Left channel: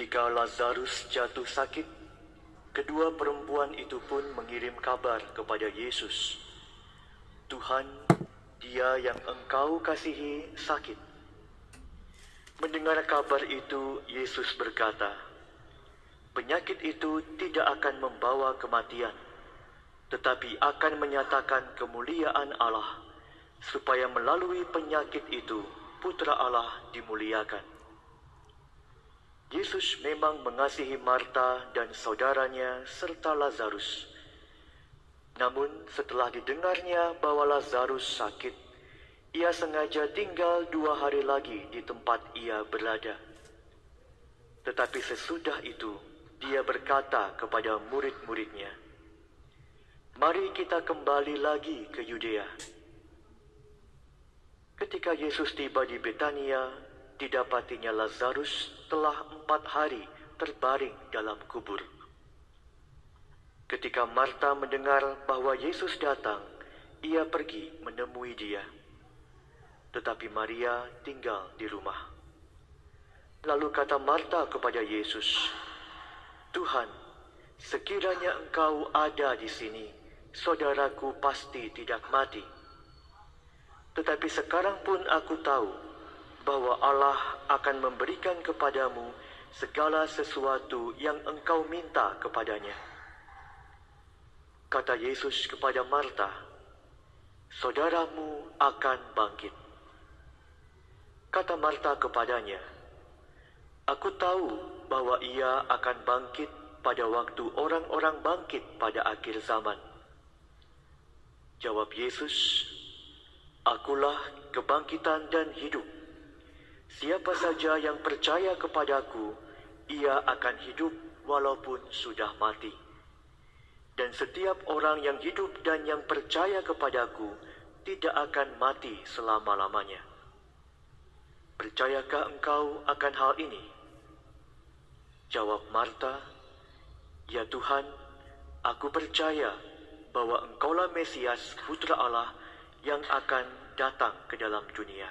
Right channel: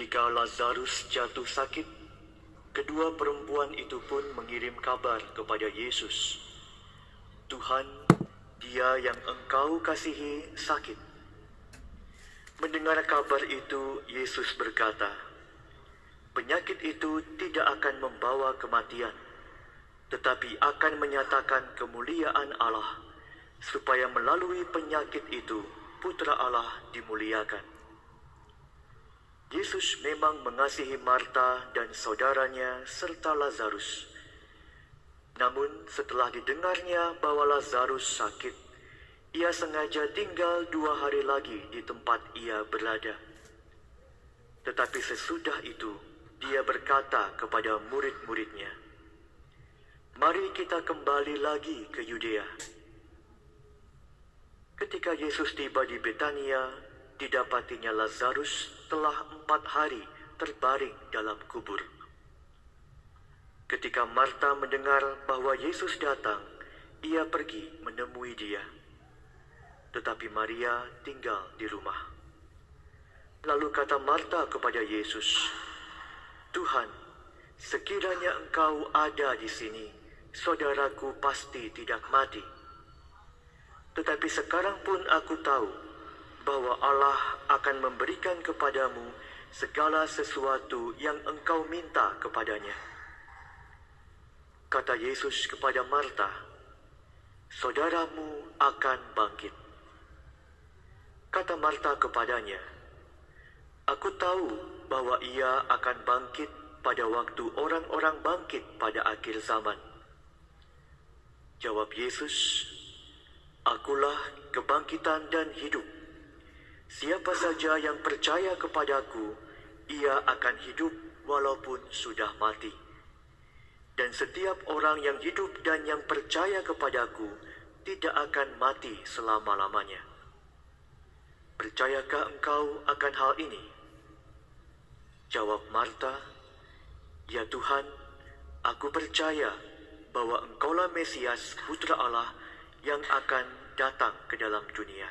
Ketika Lazarus jatuh sakit, kedua perempuan itu pun mengirim kabar kepada Yesus. Tuhan, dia yang engkau kasihi sakit. Mendengar kabar itu, Yesus berkata, penyakit itu tidak akan membawa kematian, tetapi akan menyatakan kemuliaan Allah, supaya melalui penyakit itu Putra Allah dimuliakan. Yesus memang mengasihi Marta dan saudaranya serta Lazarus. Namun setelah didengarnya bahwa Lazarus sakit, ia sengaja tinggal 2 hari lagi di tempat ia berada. Tetapi sesudah itu, dia berkata kepada murid-muridnya, "Mari kita kembali lagi ke Yudea." Ketika Yesus tiba di Betania, didapatinya Lazarus telah 4 hari terbaring dalam kubur. Ketika Marta mendengar bahwa Yesus datang, ia pergi menemui dia. Tetapi Maria tinggal di rumah. Lalu kata Marta kepada Yesus, "Tuhan, sekiranya engkau ada di sini, saudaraku pasti tidak mati. Tetapi sekarang pun aku tahu bahwa Allah akan memberikan kepadamu segala sesuatu yang engkau minta kepadanya." Kata Yesus kepada Marta, "Saudaramu akan bangkit." Kata Marta kepadanya, "Aku tahu bahwa ia akan bangkit pada waktu orang-orang bangkit pada akhir zaman." Jawab Yesus, "Akulah kebangkitan dan hidup. Siapa saja yang percaya kepadaku, ia akan hidup walaupun sudah mati. Dan setiap orang yang hidup dan yang percaya kepadaku tidak akan mati selama-lamanya. Percayakah engkau akan hal ini?" Jawab Marta, "Ya Tuhan, aku percaya bahwa engkaulah Mesias, Putra Allah yang akan datang ke dalam dunia."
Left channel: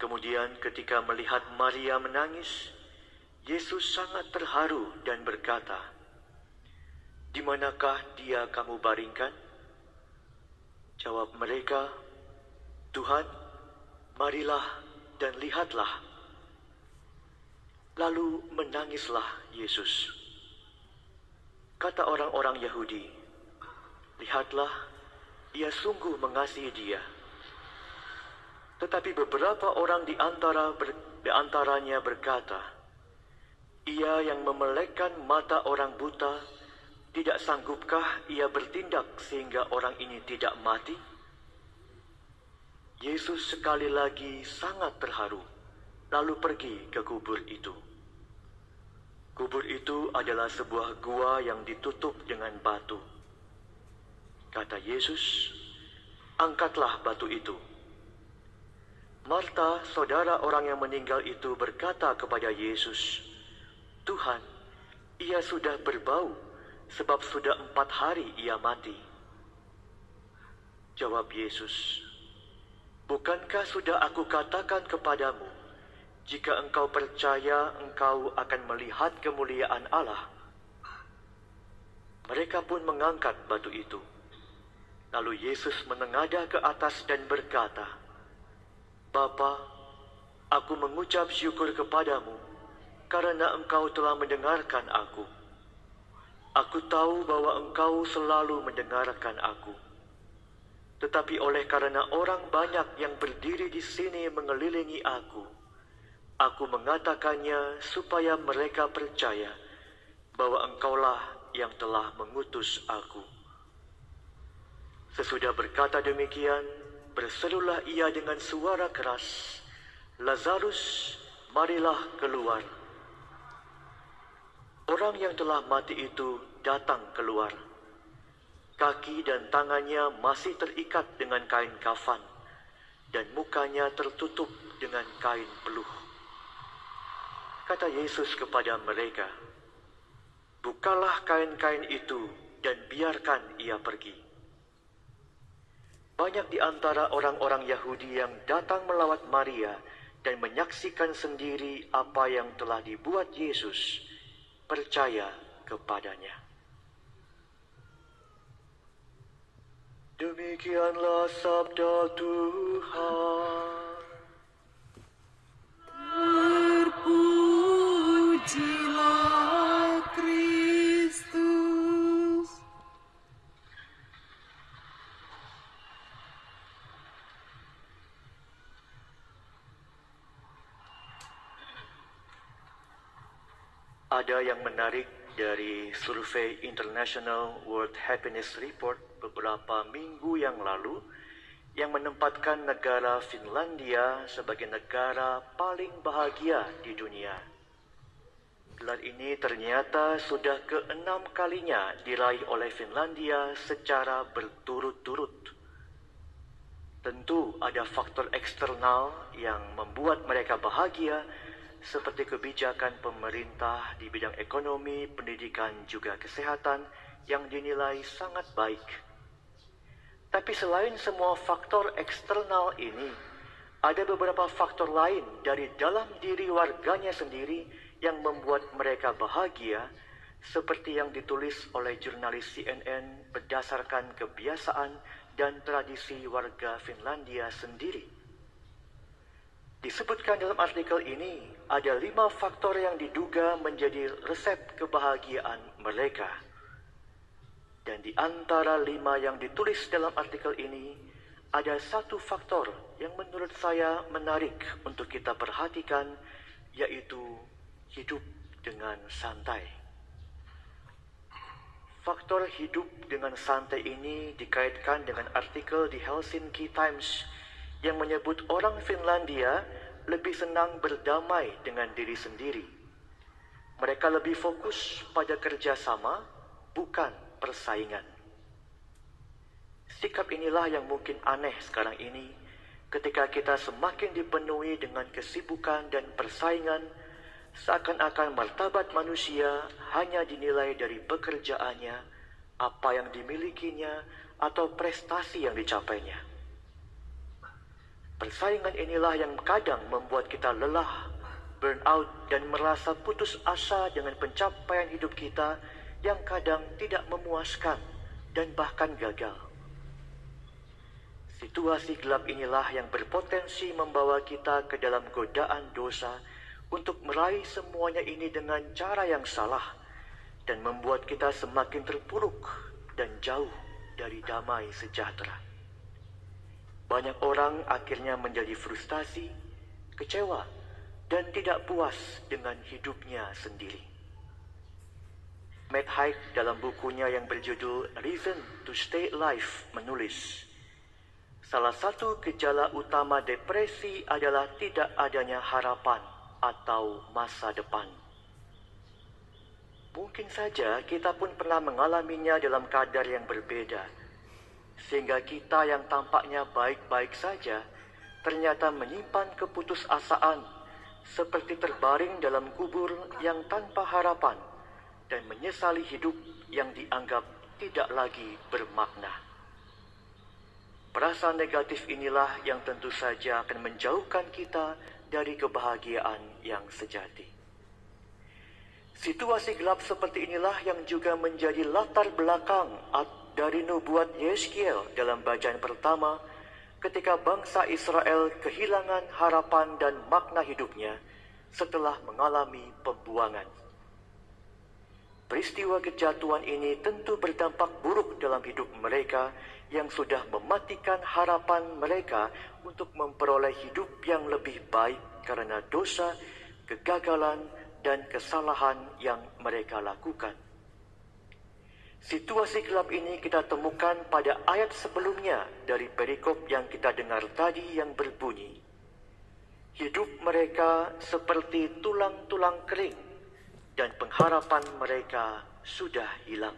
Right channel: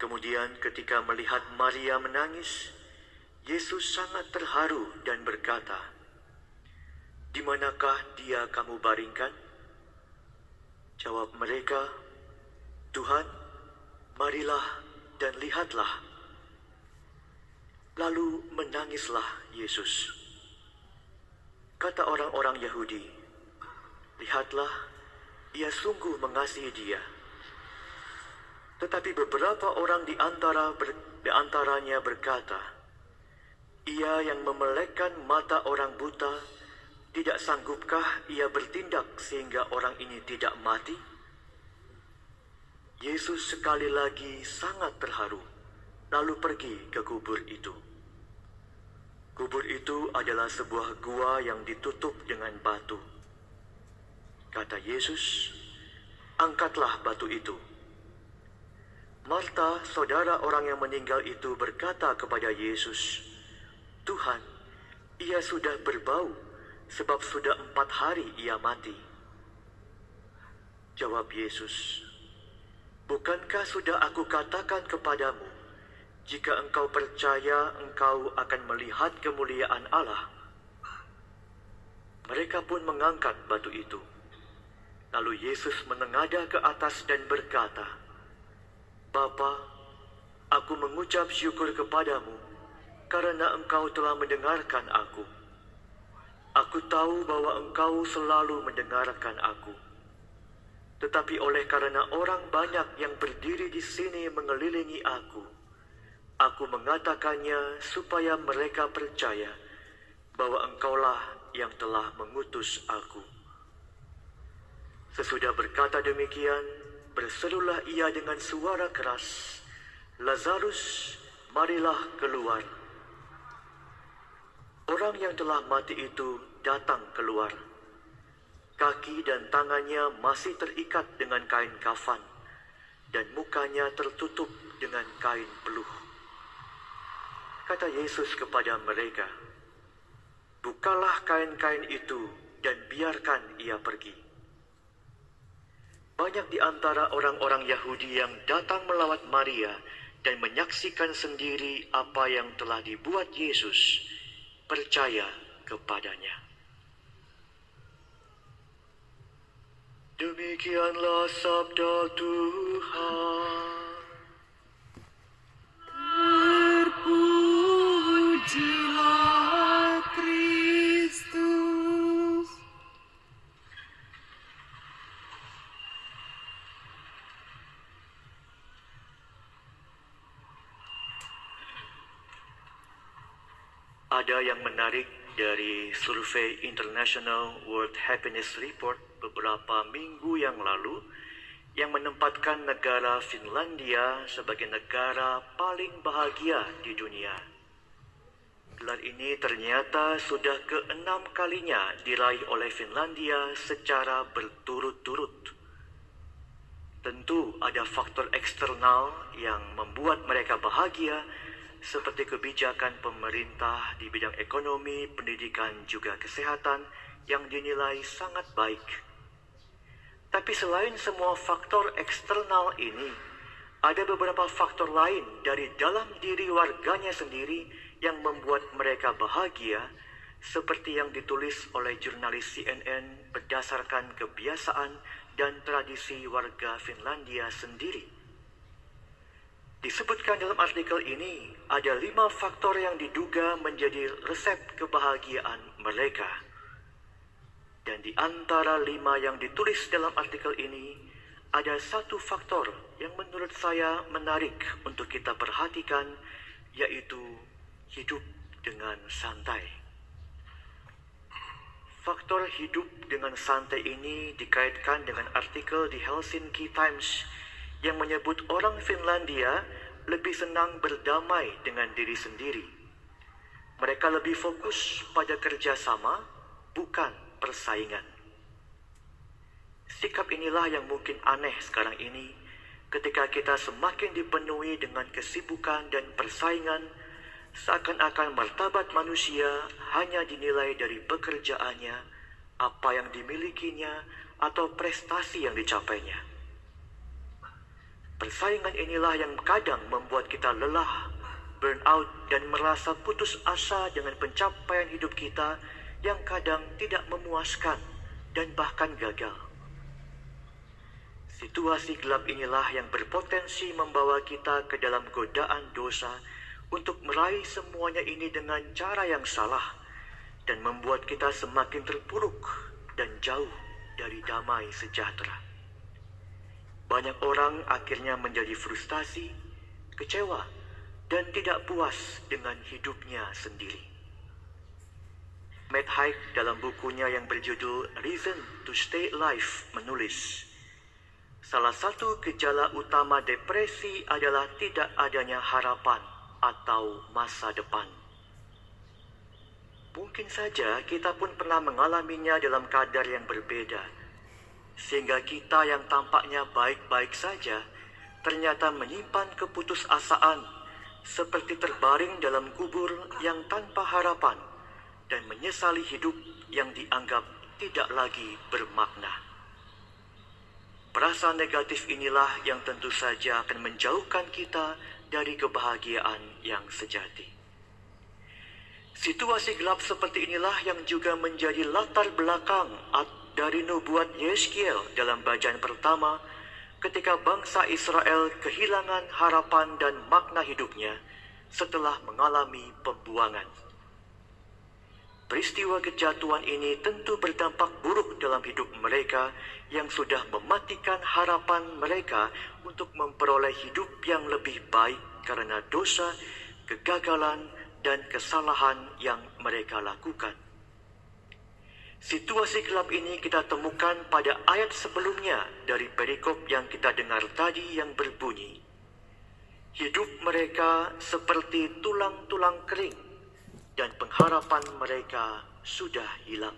Kemudian ketika melihat Maria menangis, Yesus sangat terharu dan berkata, "Di manakah dia kamu baringkan?" Jawab mereka, "Tuhan, marilah dan lihatlah." Lalu menangislah Yesus. Kata orang-orang Yahudi, "Lihatlah, ia sungguh mengasihi dia." Tetapi beberapa orang di antaranya berkata, "Ia yang memelekkan mata orang buta, tidak sanggupkah ia bertindak sehingga orang ini tidak mati?" Yesus sekali lagi sangat terharu, lalu pergi ke kubur itu. Kubur itu adalah sebuah gua yang ditutup dengan batu. Kata Yesus, "Angkatlah batu itu." Marta, saudara orang yang meninggal itu, berkata kepada Yesus, "Tuhan, ia sudah berbau, sebab sudah 4 hari ia mati." Jawab Yesus, "Bukankah sudah aku katakan kepadamu, jika engkau percaya, engkau akan melihat kemuliaan Allah?" Mereka pun mengangkat batu itu. Lalu Yesus menengadah ke atas dan berkata, "Bapa, aku mengucap syukur kepadamu, karena engkau telah mendengarkan aku. Aku tahu bahwa engkau selalu mendengarkan aku. Tetapi oleh karena orang banyak yang berdiri di sini mengelilingi aku mengatakannya supaya mereka percaya bahwa engkaulah yang telah mengutus aku." Sesudah berkata demikian, berserulah ia dengan suara keras, "Lazarus, marilah keluar." Orang yang telah mati itu datang keluar. Kaki dan tangannya masih terikat dengan kain kafan, dan mukanya tertutup dengan kain peluh. Kata Yesus kepada mereka, "Bukalah kain-kain itu dan biarkan ia pergi." Banyak di antara orang-orang Yahudi yang datang melawat Maria dan menyaksikan sendiri apa yang telah dibuat Yesus, percaya kepadanya. Demikianlah sabda Tuhan. Terpujilah Kristus. Ada yang menarik dari survei International World Happiness Report beberapa minggu yang lalu yang menempatkan negara Finlandia sebagai negara paling bahagia di dunia. Gelar ini ternyata sudah ke-6 kalinya diraih oleh Finlandia secara berturut-turut. Tentu ada faktor eksternal yang membuat mereka bahagia, seperti kebijakan pemerintah di bidang ekonomi, pendidikan, juga kesehatan yang dinilai sangat baik. Tapi selain semua faktor eksternal ini, ada beberapa faktor lain dari dalam diri warganya sendiri yang membuat mereka bahagia, seperti yang ditulis oleh jurnalis CNN berdasarkan kebiasaan dan tradisi warga Finlandia sendiri. Disebutkan dalam artikel ini, ada 5 faktor yang diduga menjadi resep kebahagiaan mereka. Dan di antara 5 yang ditulis dalam artikel ini, ada satu faktor yang menurut saya menarik untuk kita perhatikan, yaitu hidup dengan santai. Faktor hidup dengan santai ini dikaitkan dengan artikel di Helsinki Times yang menyebut orang Finlandia lebih senang berdamai dengan diri sendiri. Mereka lebih fokus pada kerjasama, bukan persaingan. Sikap inilah yang mungkin aneh sekarang ini, ketika kita semakin dipenuhi dengan kesibukan dan persaingan, seakan-akan martabat manusia hanya dinilai dari pekerjaannya, apa yang dimilikinya, atau prestasi yang dicapainya. Persaingan inilah yang kadang membuat kita lelah, burn out, dan merasa putus asa dengan pencapaian hidup kita yang kadang tidak memuaskan dan bahkan gagal. Situasi gelap inilah yang berpotensi membawa kita ke dalam godaan dosa untuk meraih semuanya ini dengan cara yang salah dan membuat kita semakin terpuruk dan jauh dari damai sejahtera. Banyak orang akhirnya menjadi frustasi, kecewa, dan tidak puas dengan hidupnya sendiri. Matt Haig dalam bukunya yang berjudul Reason to Stay Alive menulis, salah satu gejala utama depresi adalah tidak adanya harapan atau masa depan. Mungkin saja kita pun pernah mengalaminya dalam kadar yang berbeda, sehingga kita yang tampaknya baik-baik saja ternyata menyimpan keputusasaan, seperti terbaring dalam kubur yang tanpa harapan dan menyesali hidup yang dianggap tidak lagi bermakna. Perasaan negatif inilah yang tentu saja akan menjauhkan kita dari kebahagiaan yang sejati. Situasi gelap seperti inilah yang juga menjadi latar belakang dari nubuat Yeskiel dalam bacaan pertama, ketika bangsa Israel kehilangan harapan dan makna hidupnya setelah mengalami pembuangan. Peristiwa kejatuhan ini tentu berdampak buruk dalam hidup mereka yang sudah mematikan harapan mereka untuk memperoleh hidup yang lebih baik karena dosa, kegagalan, dan kesalahan yang mereka lakukan. Situasi gelap ini kita temukan pada ayat sebelumnya dari perikop yang kita dengar tadi yang berbunyi, hidup mereka seperti tulang-tulang kering dan pengharapan mereka sudah hilang.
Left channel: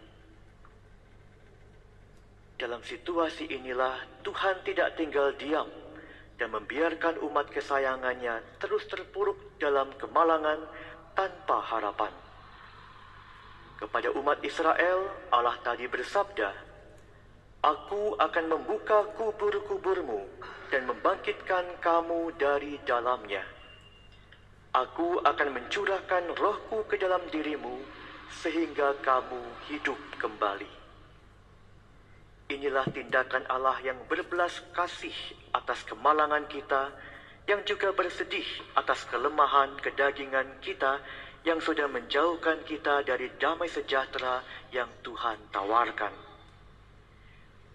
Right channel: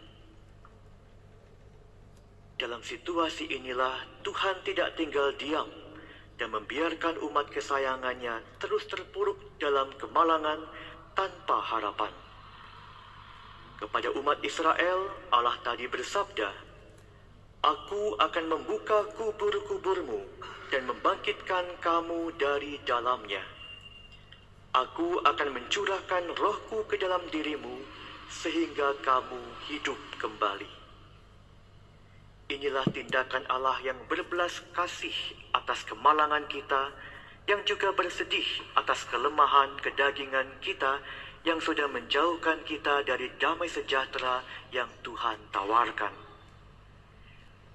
Dalam situasi inilah Tuhan tidak tinggal diam dan membiarkan umat kesayangannya terus terpuruk dalam kemalangan tanpa harapan. Kepada umat Israel, Allah tadi bersabda, Aku akan membuka kubur-kuburmu dan membangkitkan membangkitkan kamu dari dalamnya. Aku akan mencurahkan rohku ke dalam dirimu, sehingga kamu hidup kembali. Inilah tindakan Allah yang berbelas kasih atas kemalangan kita, yang juga bersedih atas kelemahan kedagingan kita, yang sudah menjauhkan kita dari damai sejahtera yang Tuhan tawarkan.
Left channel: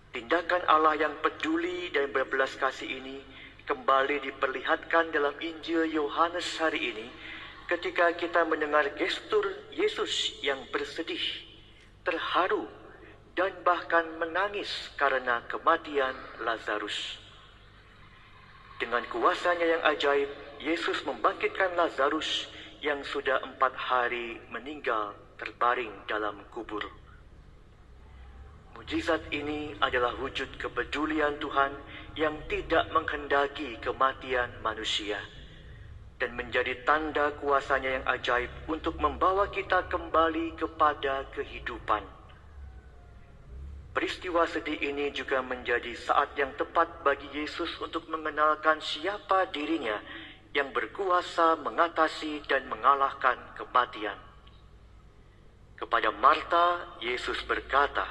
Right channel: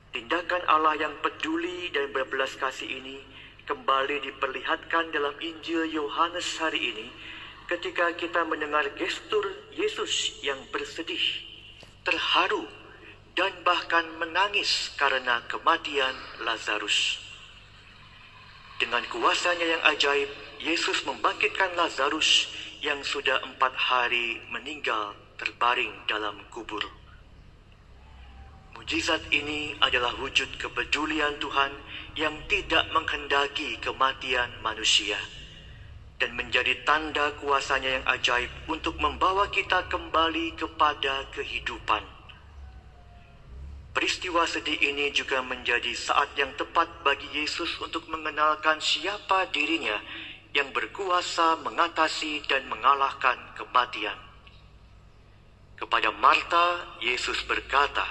Tindakan Allah yang peduli dan berbelas kasih ini kembali diperlihatkan dalam Injil Yohanes hari ini ketika kita mendengar gestur Yesus yang bersedih, terharu, dan bahkan menangis karena kematian Lazarus. Dengan kuasanya yang ajaib, Yesus membangkitkan Lazarus yang sudah 4 hari meninggal terbaring dalam kubur. Mujizat ini adalah wujud kepedulian Tuhan yang tidak menghendaki kematian manusia dan menjadi tanda kuasanya yang ajaib untuk membawa kita kembali kepada kehidupan. Peristiwa sedih ini juga menjadi saat yang tepat bagi Yesus untuk mengenalkan siapa dirinya yang berkuasa mengatasi dan mengalahkan kematian. Kepada Marta, Yesus berkata,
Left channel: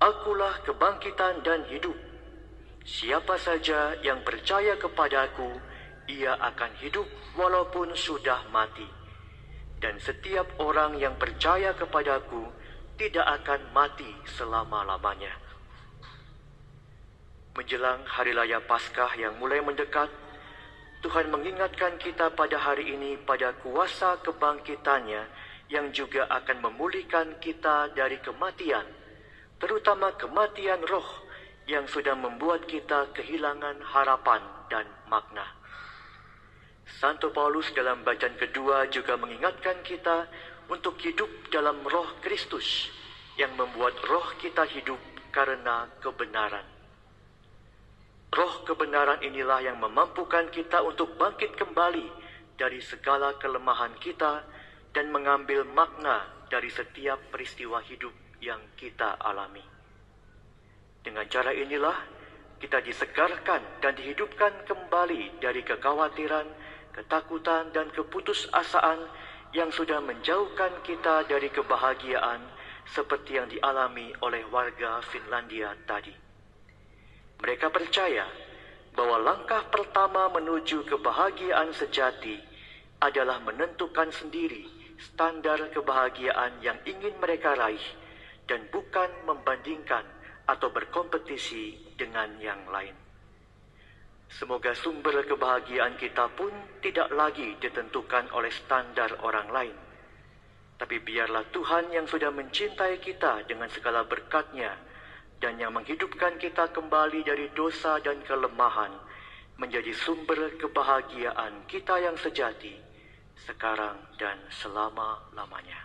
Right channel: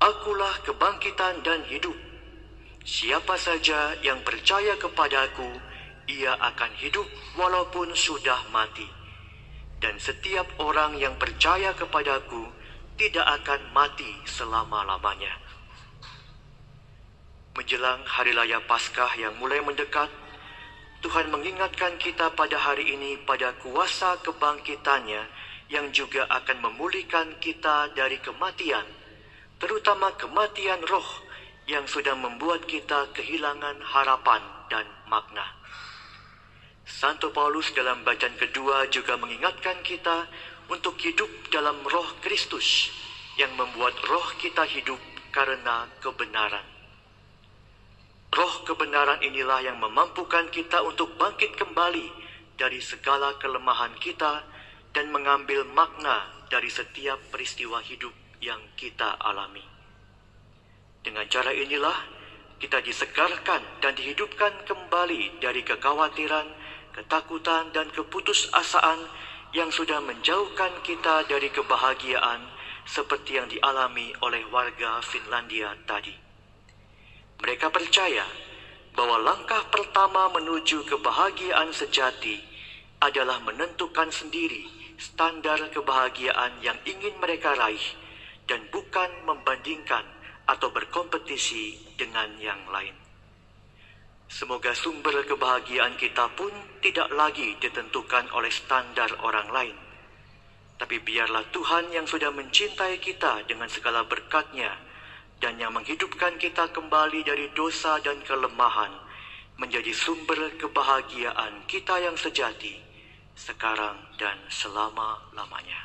"Akulah kebangkitan dan hidup. Siapa saja yang percaya kepadaku, ia akan hidup walaupun sudah mati. Dan setiap orang yang percaya kepadaku tidak akan mati selama-lamanya." Menjelang Hari Raya Paskah yang mulai mendekat, Tuhan mengingatkan kita pada hari ini pada kuasa kebangkitannya yang juga akan memulihkan kita dari kematian, terutama kematian roh yang sudah membuat kita kehilangan harapan dan makna. Santo Paulus dalam bacaan kedua juga mengingatkan kita untuk hidup dalam roh Kristus yang membuat roh kita hidup karena kebenaran. Roh kebenaran inilah yang memampukan kita untuk bangkit kembali dari segala kelemahan kita dan mengambil makna dari setiap peristiwa hidup yang kita alami. Dengan cara inilah kita disegarkan dan dihidupkan kembali dari kekhawatiran, ketakutan, dan keputusasaan yang sudah menjauhkan kita dari kebahagiaan seperti yang dialami oleh warga Finlandia tadi. Mereka percaya bahwa langkah pertama menuju kebahagiaan sejati adalah menentukan sendiri standar kebahagiaan yang ingin mereka raih dan bukan membandingkan atau berkompetisi dengan yang lain. Semoga sumber kebahagiaan kita pun tidak lagi ditentukan oleh standar orang lain, tapi biarlah Tuhan yang sudah mencintai kita dengan segala berkat-Nya dan yang menghidupkan kita kembali dari dosa dan kelemahan menjadi sumber kebahagiaan kita yang sejati sekarang dan selama-lamanya.